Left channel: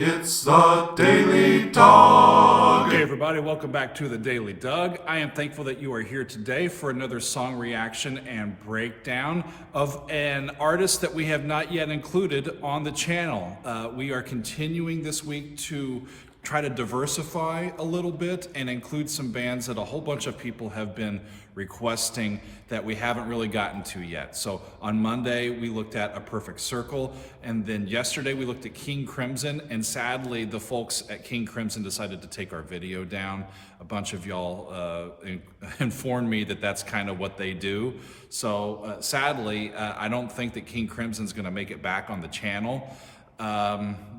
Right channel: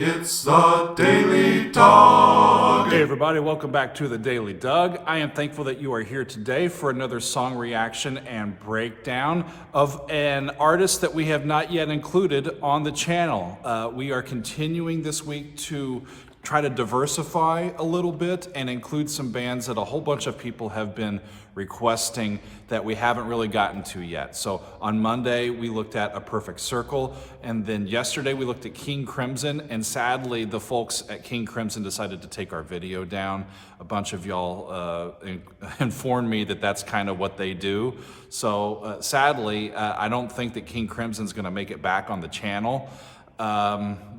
It's the Daily Dog. Hey everybody, welcome back to the Daily Doug. I am thankful that you are here today for another song reaction and breakdown of an artist that we have not yet included on the channel. We are continuing this week to try to diversify a little bit and include some bands that a whole bunch of people have been requesting that we haven't really gotten to yet. So on Monday, we looked at A Perfect Circle, and then yesterday we looked at King Crimson, and sadly, the folks at King Crimson decided to take our video down. A bunch of y'all informed me that that's kind of what they do. So sadly, I don't think that King Crimson's gonna make it back on the channel.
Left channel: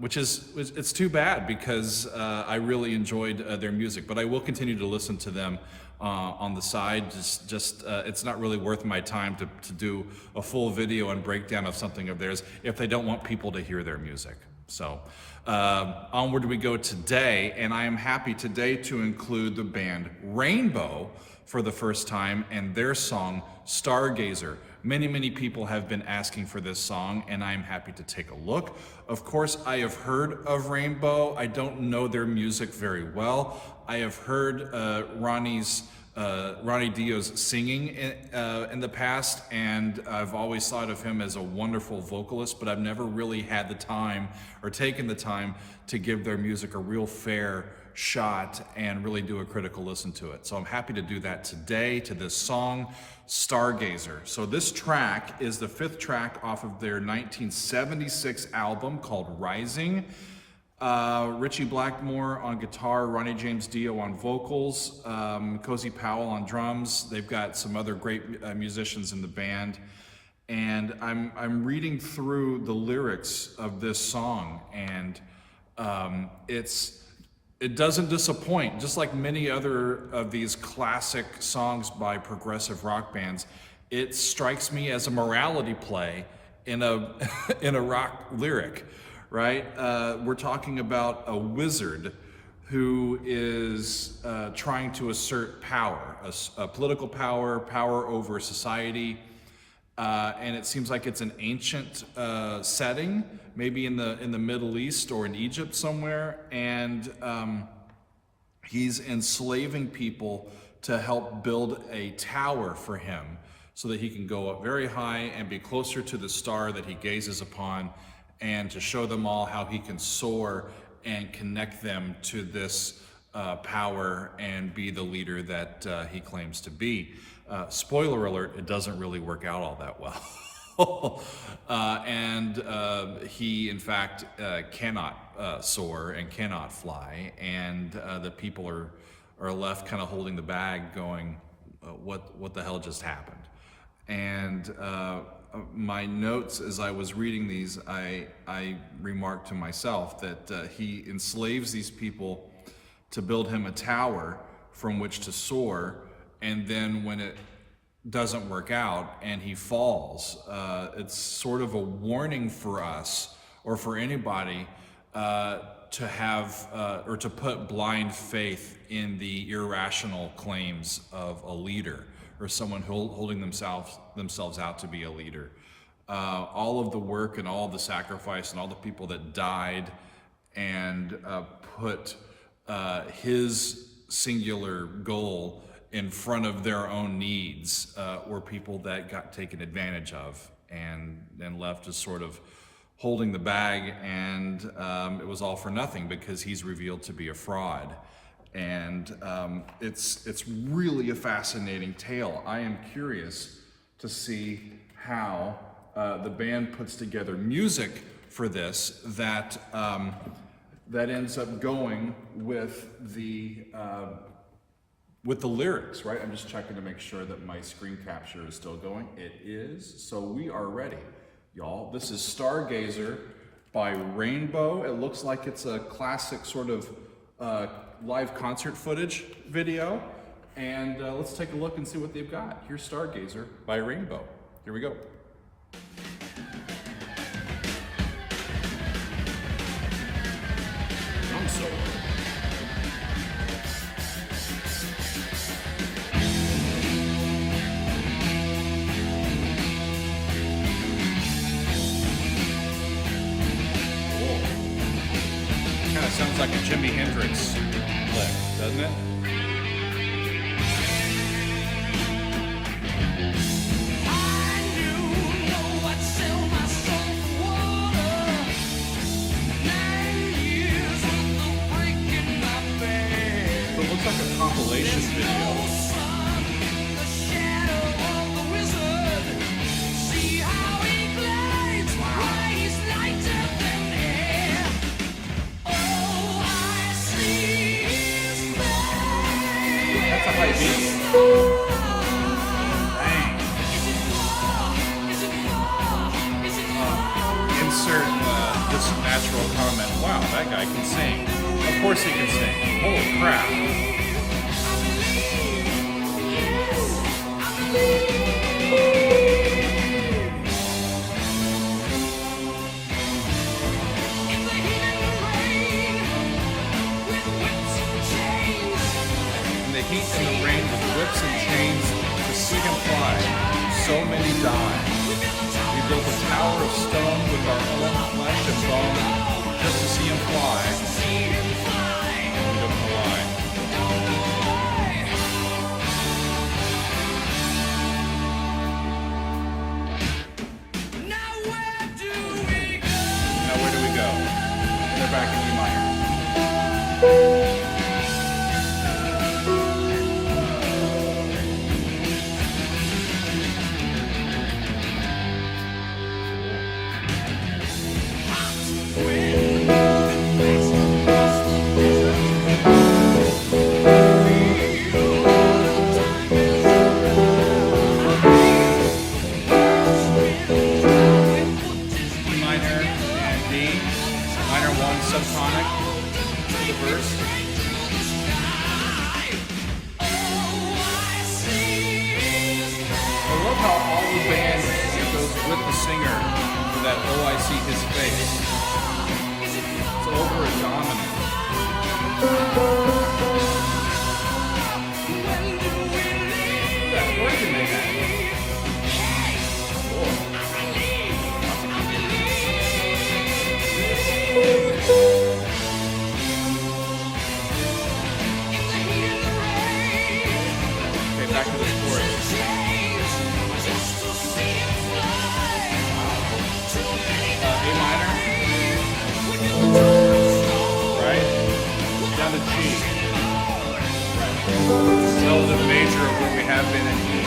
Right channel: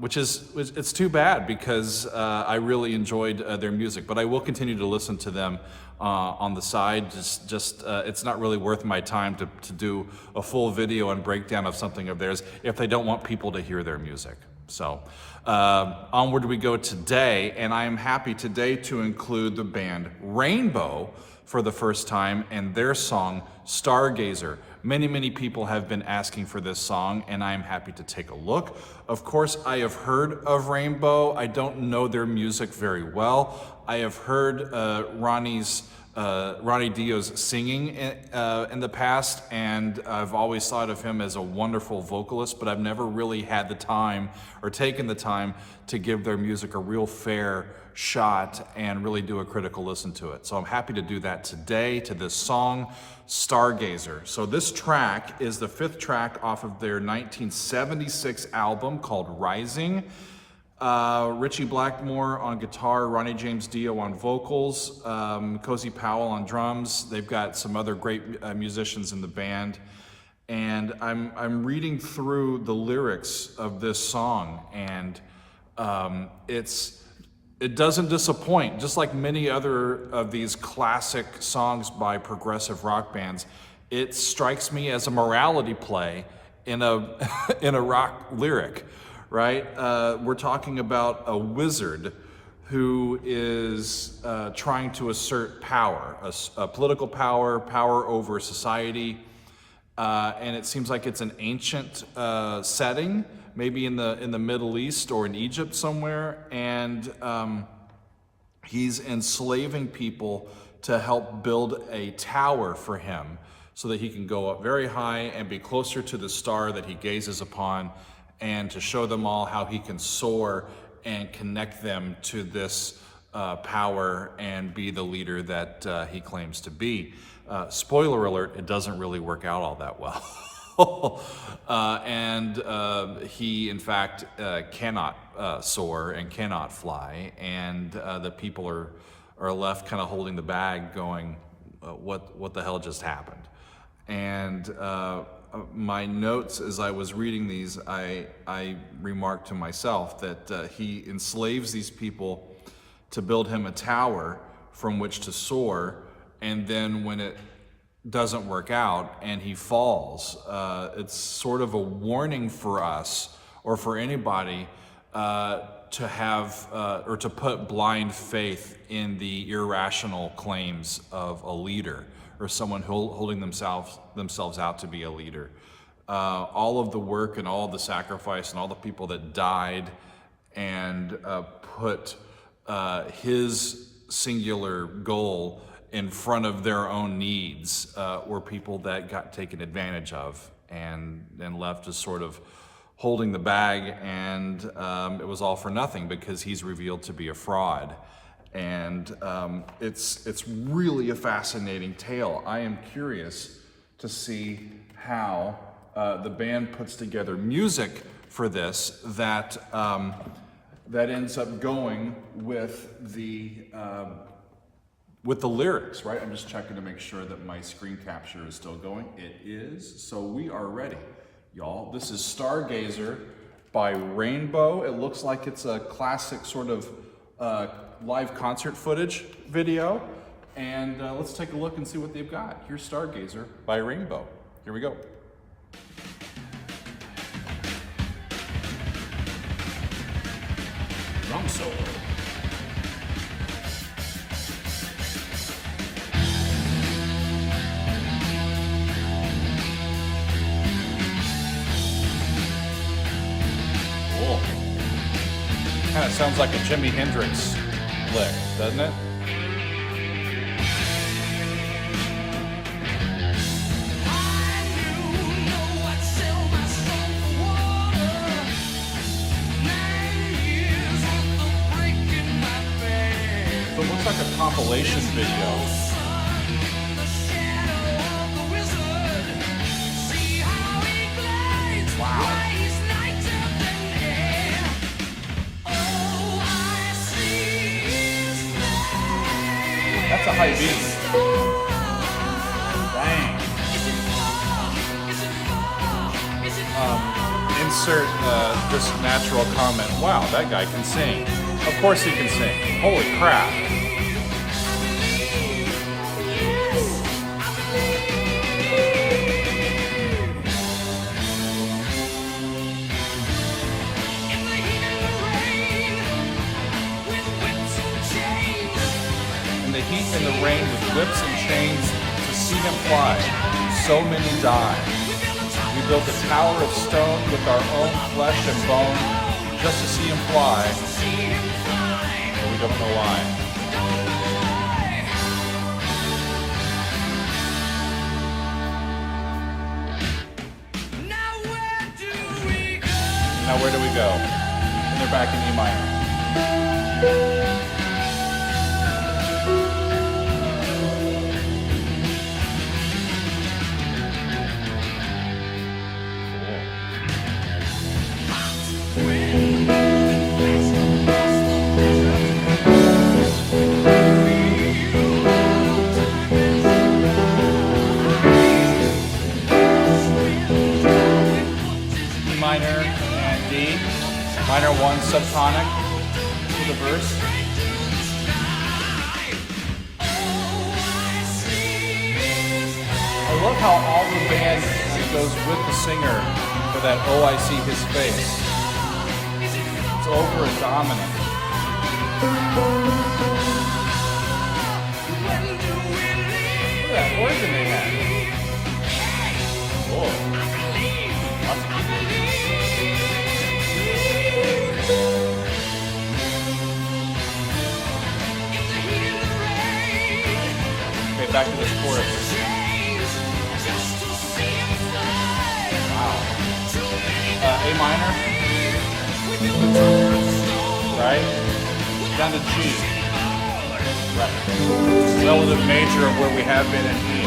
It's too bad because I really enjoyed their music, but I will continue to listen to them on the side. It's not really worth my time to do a full video and breakdown of something of theirs if they don't want people to hear their music. So onward we go today, and I am happy today to include the band Rainbow for the first time and their song Stargazer. Many people have been asking for this song, and I am happy to take a look. Of course, I have heard of Rainbow. I don't know their music very well. I have heard Ronnie Dio's singing in the past, and I've always thought of him as a wonderful vocalist, but I've never really had the time or taken the time to give their music a real fair shot and really do a critical listen to it. So I'm happy to do that today to this song, Stargazer. So this track is the 5th track off of their 1976 album called Rising. Ritchie Blackmore on guitar, Ronnie James Dio on vocals, Cozy Powell on drums. They've got some other great musicians in the band. And I'm reading through the lyrics of this song, and it doesn't disappoint. Just like many other of these classic songs by progressive rock bands, it strikes me as a morality play in a in a rock lyric, right? We're talking about a wizard who is trying to assert power, a political power, power over society, and it seems like it's an ancient setting, maybe in the Middle East or in Egypt somewhere, and he's enslaving people to help build a tower for him so that he can go up very high and be closer to the star that he gazes upon, and to show them all how he can soar and connect them to this power and be the leader that he claims to be. Spoiler alert, it doesn't really work out all that well. He, in fact, cannot soar and cannot fly, and the people are left kind of holding the bag going, what the hell just happened? And my notes as I was reading these, I remarked to myself that he enslaves these people to build him a tower from which to soar, and then when it doesn't work out and he falls, it's sort of a warning for us or for anybody to have or to put blind faith in the irrational claims of a leader or someone holding themselves out to be a leader. All of the work and all the sacrifice and all the people that died and put his singular goal in front of their own needs were people that got taken advantage of and left just sort of holding the bag, and it was all for nothing because he's revealed to be a fraud. And it's really a fascinating tale. I am curious to see how the band puts together music for this that ends up going with the lyrics, right? I'm just checking to make sure that my screen capture is still going. It is, so we are ready, y'all. This is Stargazer by Rainbow. It looks like it's a classic sort of live concert footage video. And let's take a look and see what they've got. Here's Stargazer by Rainbow. Here we go. Drum solo. Cool. Kind of sounds like a Jimi Hendrix lick, doesn't it? So it looks like a compilation video. That's a high beat. Dang. Insert this natural comment. Wow, that guy can sing. Of course he can sing. Holy crap. Heat and the rain with whips and chains to see him fly. So many die. We built a tower of stone with our own flesh and bone just to see him fly. But we don't know why. Now where do we go? And they're back in E minor. Minor 1 subtonic for the verse. I love how all the band goes with the singer for that "Oh, I see his face." It's over a dominant. Look at that organ they had. Whoa. Lots of people. Okay, back to the chorus. Wow. A minor. Right? Down to G. Right. Relative major of where we have been in E.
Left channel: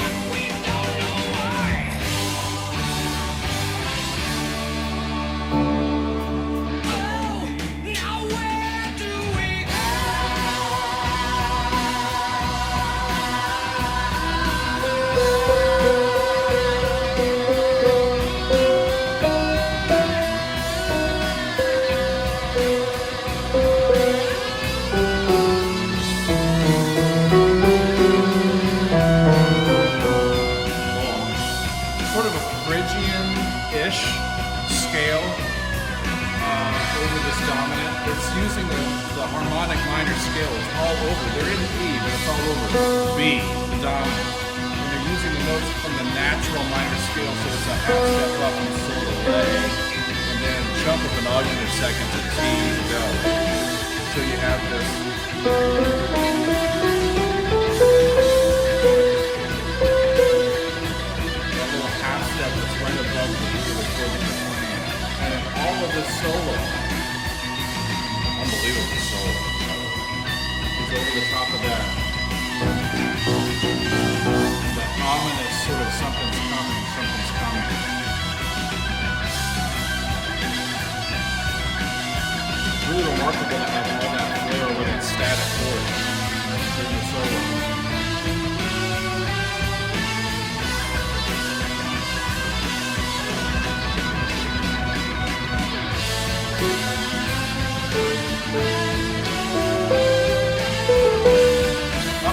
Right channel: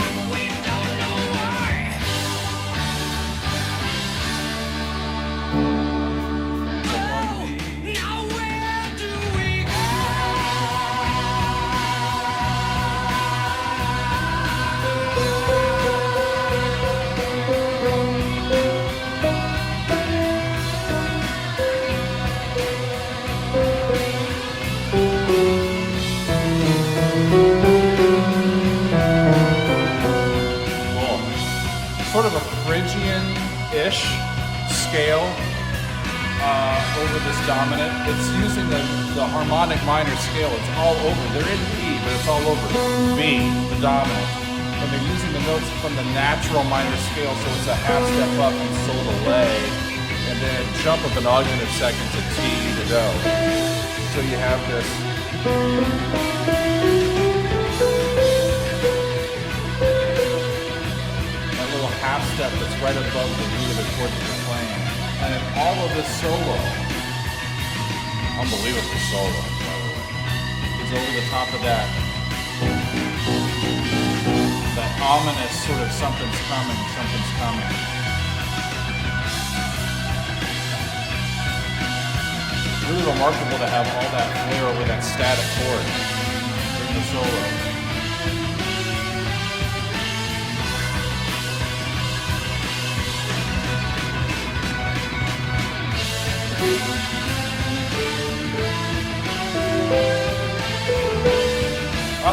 Sort of a Phrygian-ish scale over this dominant. It's using the harmonic minor scale. It's all over. They're in E, but it's all over B, the dominant. And they're using the notes from the natural minor scale, so it's a half step up and sol to re, and then a jump of an augmented second to T to go. So you have this. Half step that's right above the root of the chord that you're playing. And then all of this solo, unbelievable solo, is over the top of that. The ominous sort of something's coming, something's coming. Really remarkable to have all that flair over that static chord during the solo.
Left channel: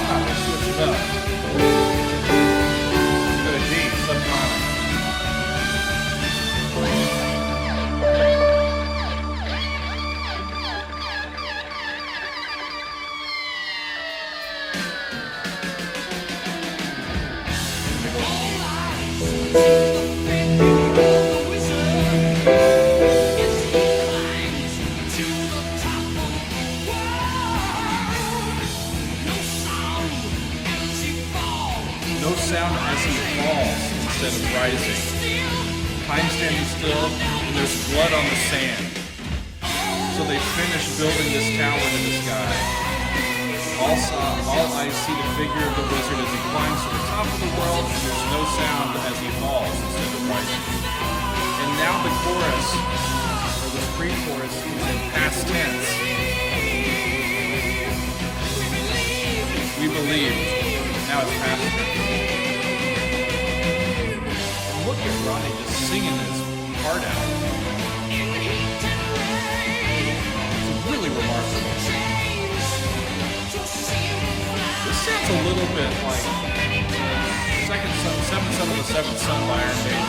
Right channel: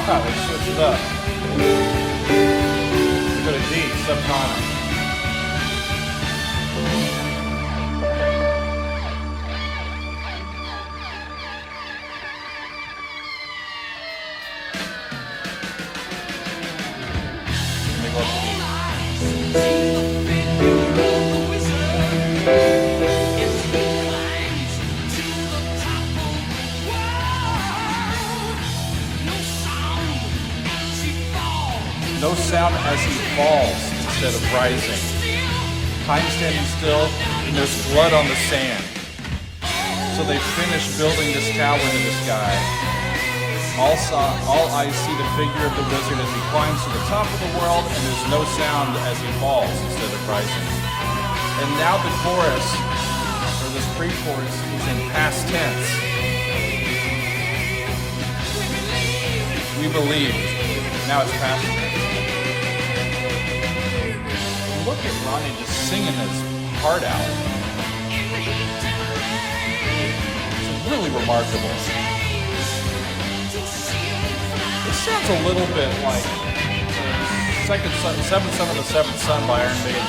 They switched it up. To the D, subtonic. And they go to E. No sound as he falls instead of rising. Time standing still, and there's blood on the sand. So they finish building this tower to the sky. All eyes see the figure of the wizard as he climbs to the top of the world, and there's no sound as he falls instead of rising. And now the chorus, or this pre-chorus, is in past tense. We believe. Now it's past tense. And look at Ronnie just singing his heart out. It's really remarkable. This sounds a little bit like Seventh Son of the Seventh Son by Iron Maiden.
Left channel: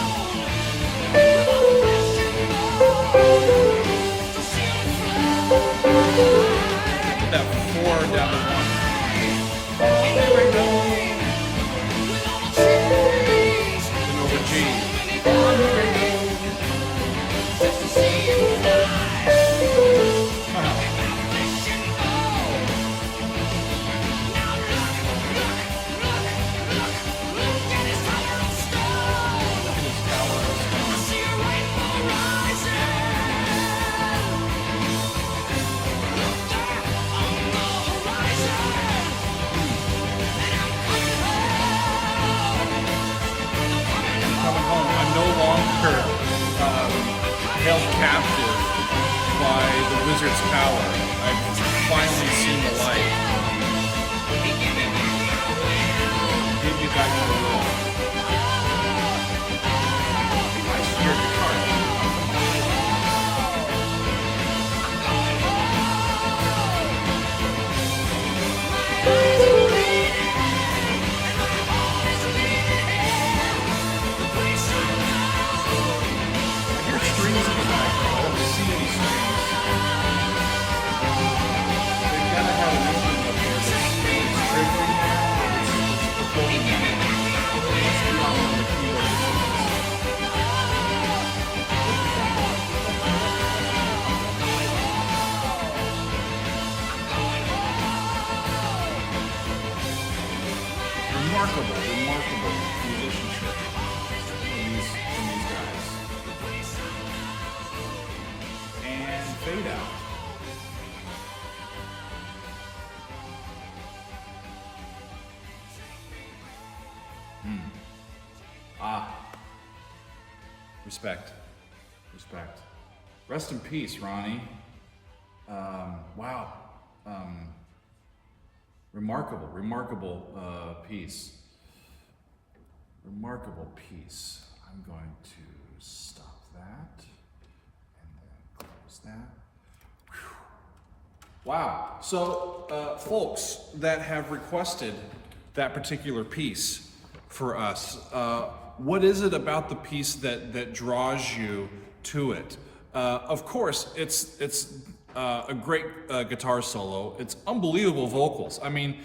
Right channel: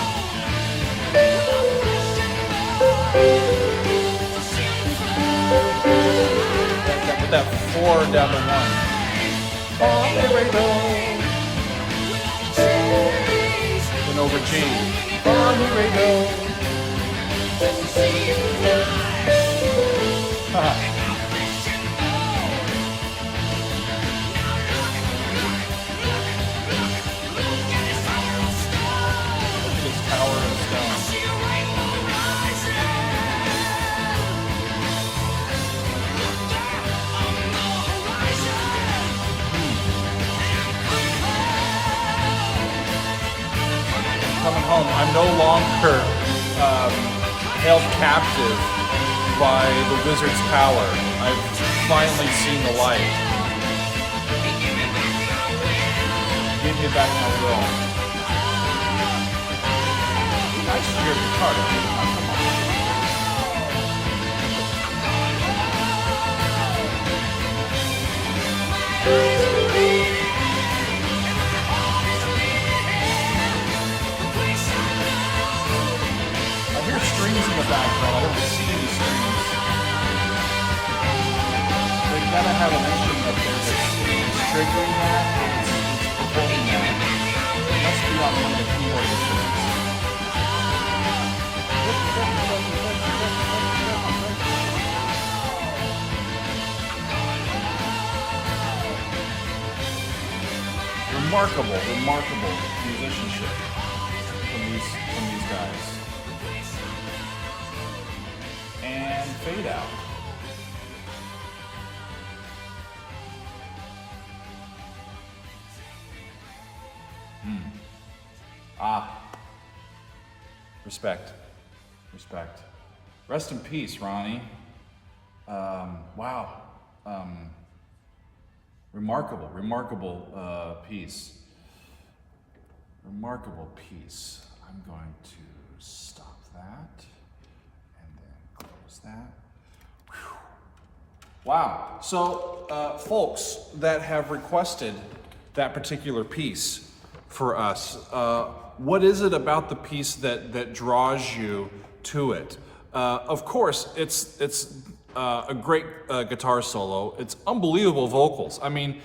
With that 4 down to 1. Oh, here we go. Then over G. Oh, here we go. Coming home, I'm no longer held captive by the wizard's power. I've finally seen the light. Give me back my will. Nice to hear guitar. Oh, come on. Strings in the background. I don't see any strings. They've got to have an instrument up there that's triggering that, or it's performing that. It must be on one of the keyboard instruments. Remarkable musicianship from these guys. And fade out. Respect. Rest in peace, Ronnie. Wow. Remarkable piece. Remarkable piece. I'm going to stop that. That. Whew. Wow. So, folks that have requested that particular piece for us, what is it about the piece that draws you to it? Of course, it's a great guitar solo. It's unbelievable vocals. I mean,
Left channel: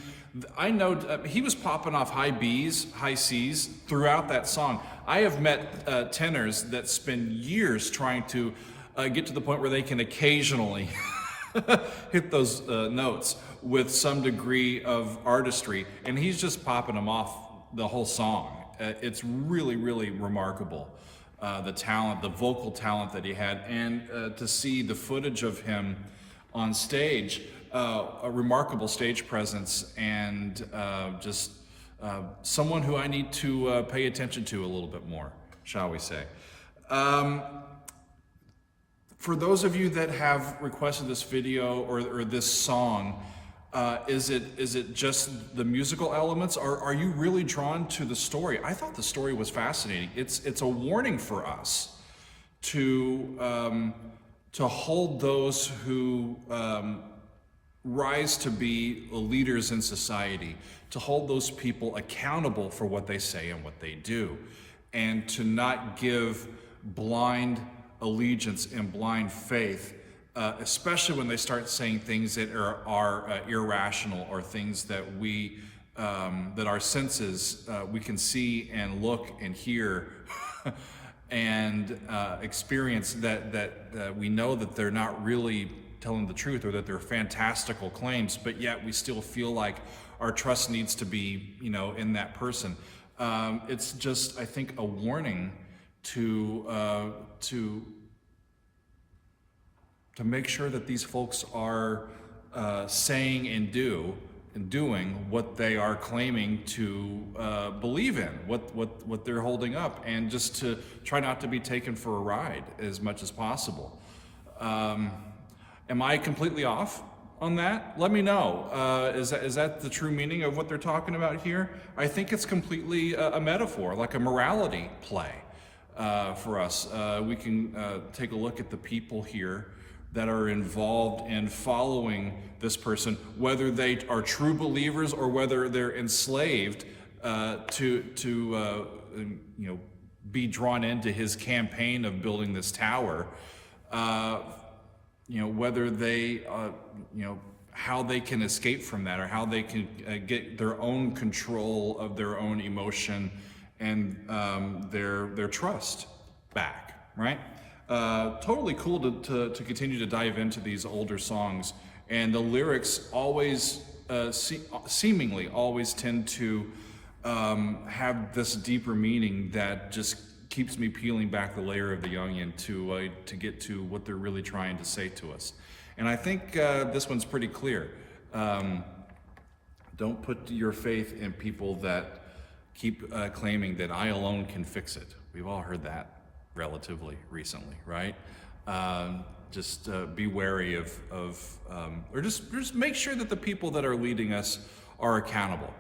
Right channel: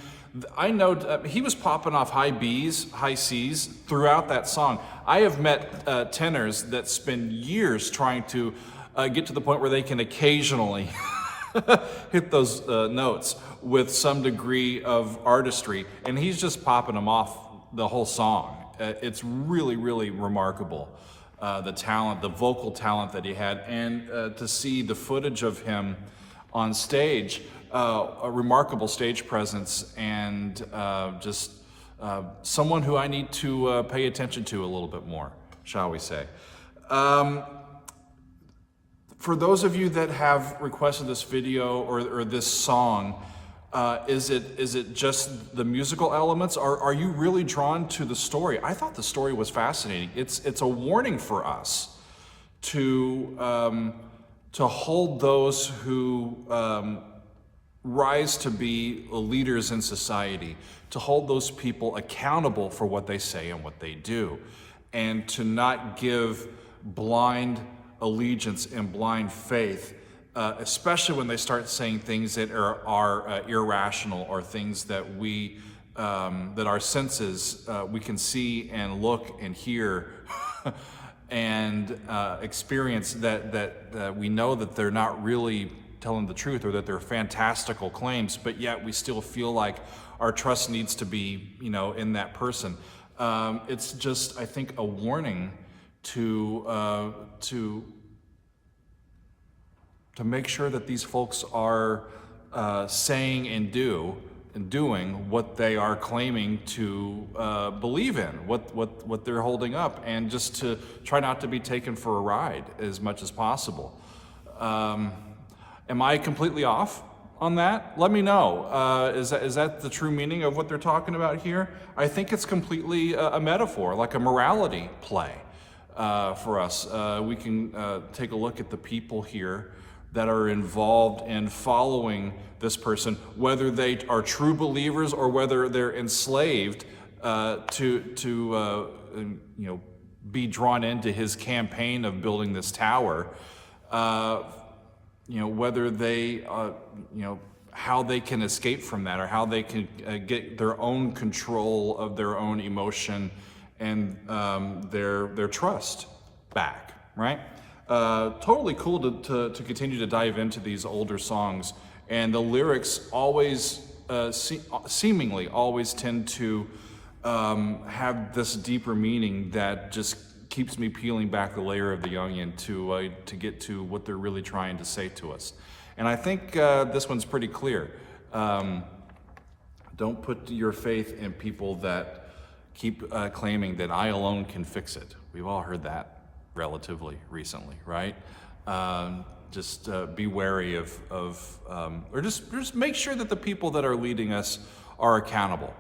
I know he was popping off high B's, high C's throughout that song. I have met tenors that spend years trying to get to the point where they can occasionally hit those notes with some degree of artistry, and he's just popping them off the whole song. It's really remarkable, the talent, the vocal talent that he had, and to see the footage of him on stage, a remarkable stage presence, and just someone who I need to pay attention to a little bit more, shall we say. For those of you that have requested this video or this song, is it just the musical elements, or are you really drawn to the story? I thought the story was fascinating. It's a warning for us to hold those who rise to be leaders in society, to hold those people accountable for what they say and what they do, and to not give blind allegiance and blind faith, especially when they start saying things that are irrational, or things that that our senses, we can see and look and hear and experience that we know that they're not really telling the truth, or that they're fantastical claims, but yet we still feel like our trust needs to be, in that person. It's just, I think, a warning to make sure that these folks are saying and doing what they are claiming to believe in, what they're holding up, and just to try not to be taken for a ride as much as possible. Am I completely off on that? Let me know. Is that the true meaning of what they're talking about here? I think it's completely a metaphor, like a morality play for us. We can take a look at the people here that are involved in following this person, whether they are true believers or whether they're enslaved to be drawn into his campaign of building this tower. Whether they, how they can escape from that, or how they can get their own control of their own emotion and their trust back, right? Totally cool to continue to dive into these older songs, and the lyrics always, seemingly always tend to have this deeper meaning that just keeps me peeling back the layer of the onion to get to what they're really trying to say to us. And I think this one's pretty clear. Don't put your faith in people that keep claiming that I alone can fix it. We've all heard that relatively recently, right? Just be wary of or just make sure that the people that are leading us are accountable,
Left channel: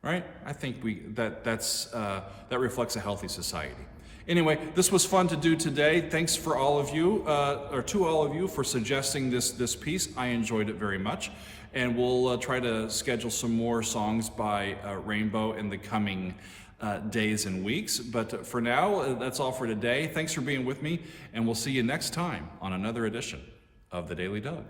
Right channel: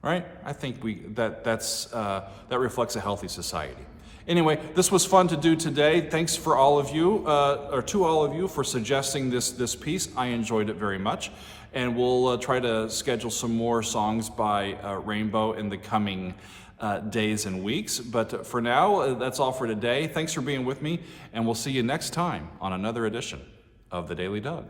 right? I think that reflects a healthy society. Anyway, this was fun to do today. Thanks for all of you, or to all of you, for suggesting this piece. I enjoyed it very much, and we'll try to schedule some more songs by Rainbow in the coming days and weeks. But for now, that's all for today. Thanks for being with me, and we'll see you next time on another edition of The Daily Doug.